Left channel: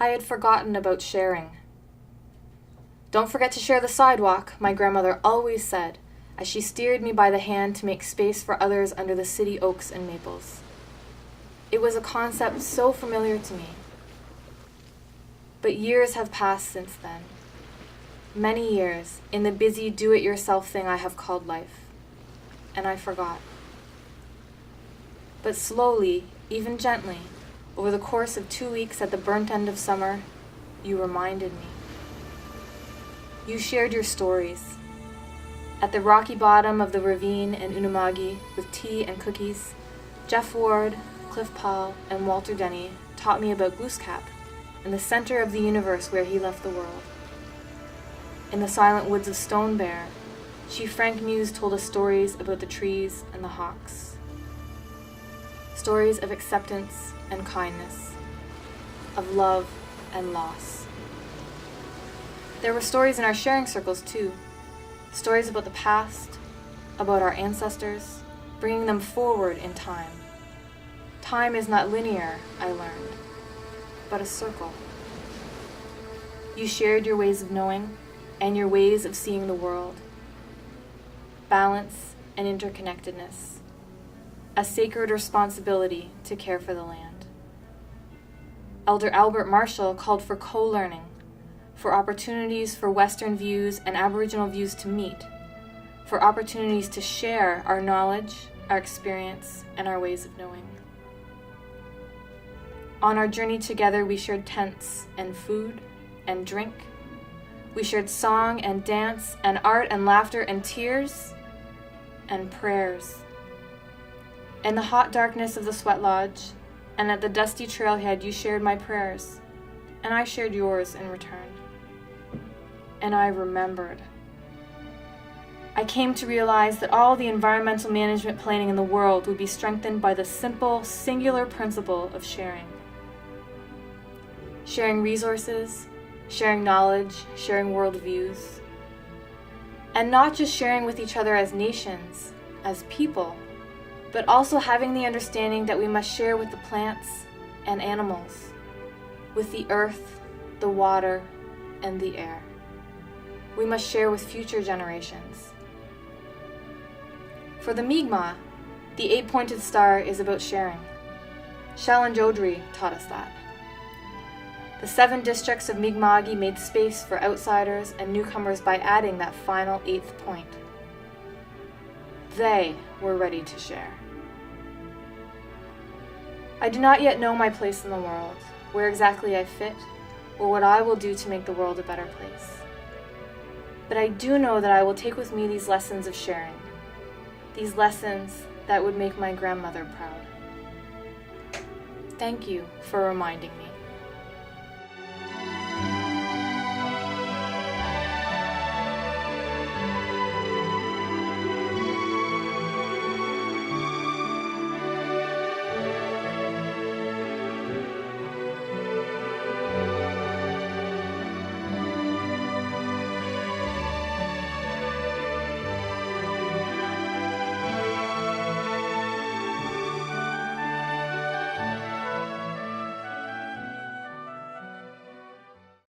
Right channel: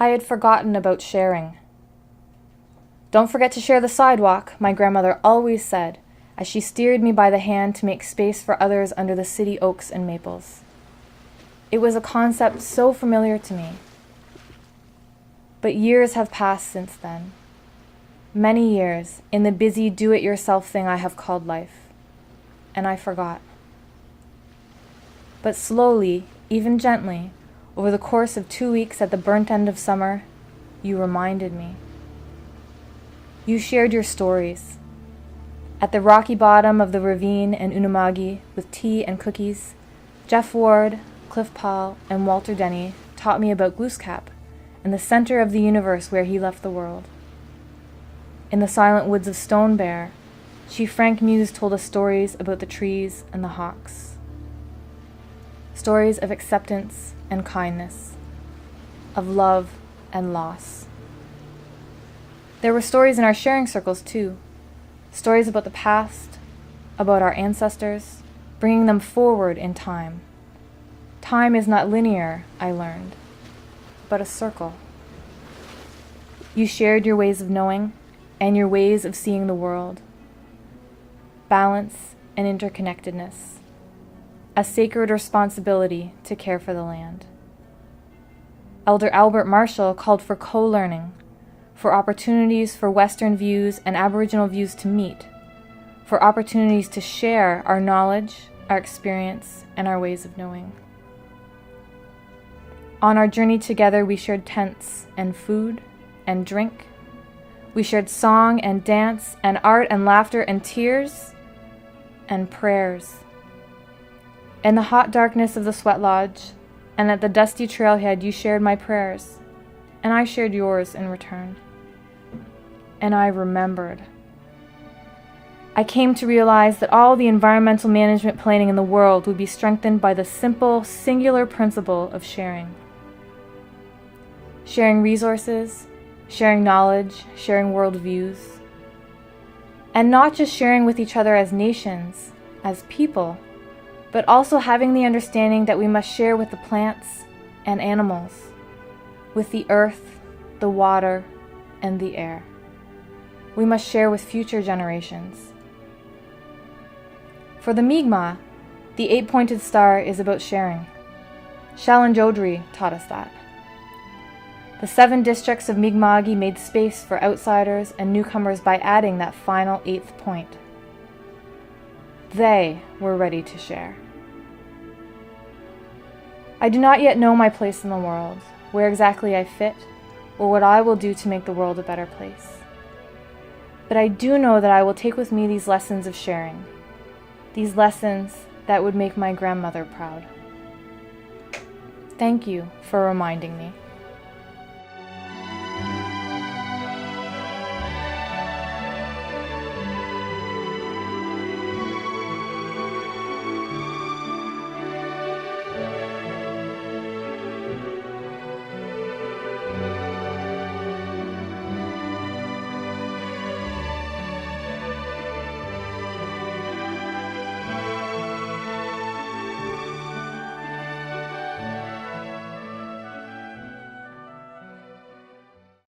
I had forgotten about sharing. "Don't forget to share the sidewalk," my grandmother always said, as she steered me by the hand to make space for others under the city oaks and maples. It was a concept so familiar to me. But years have passed since then. Many years in the busy do-it-yourself thing I have called life. And I forgot. But slowly, even gently, over the course of 2 weeks at the burnt end of summer, you reminded me. You shared your stories. At the rocky bottom of the ravine in Unamagi, with tea and cookies, Jeff Ward, Cliff Paul, and Walter Denny taught me about Glooskap and the center of the universe where he left the world. In the silent woods of Stone Bear, Chief Frank Muse told us stories about the trees and the hawks. Stories of acceptance and kindness, of love and loss. There were stories in our sharing circles too. Stories about the past, about our ancestors, bringing them forward in time. Time is not linear, I learned, but a circle. You shared your ways of knowing and your ways of seeing the world. Balance and interconnectedness. A sacred responsibility to care for the land. Elder Albert Marshall called for co-learning, for opportunities for Western views and Aboriginal views to meet, for opportunities to share our knowledge, our experience, and our ways of knowing. On our journey together, we shared tents and food and drink. We shared song and dance and art and laughter and tears and prayers. In the hot darkness of the sweat lodge and at the dusty trailhead, you shared my prayers, and I shared yours in return. And I remembered. I came to realize that all the environmental management planning in the world would be strengthened by the simple, singular principle of sharing. Sharing resources, sharing knowledge, sharing worldviews. And not just sharing with each other as nations, as people, but also having the understanding that we must share with the plants and animals, with the earth, the water, and the air. We must share with future generations. For the Mi'kmaq, the 8-pointed star is about sharing. Shalan Jodri taught us that. The 7 districts of Mi'kma'ki made space for outsiders and newcomers by adding that final 8th point. They were ready to share. I do not yet know my place in the world, where exactly I fit, or what I will do to make the world a better place. But I do know that I will take with me these lessons of sharing, these lessons that would make my grandmother proud. Thank you for reminding me.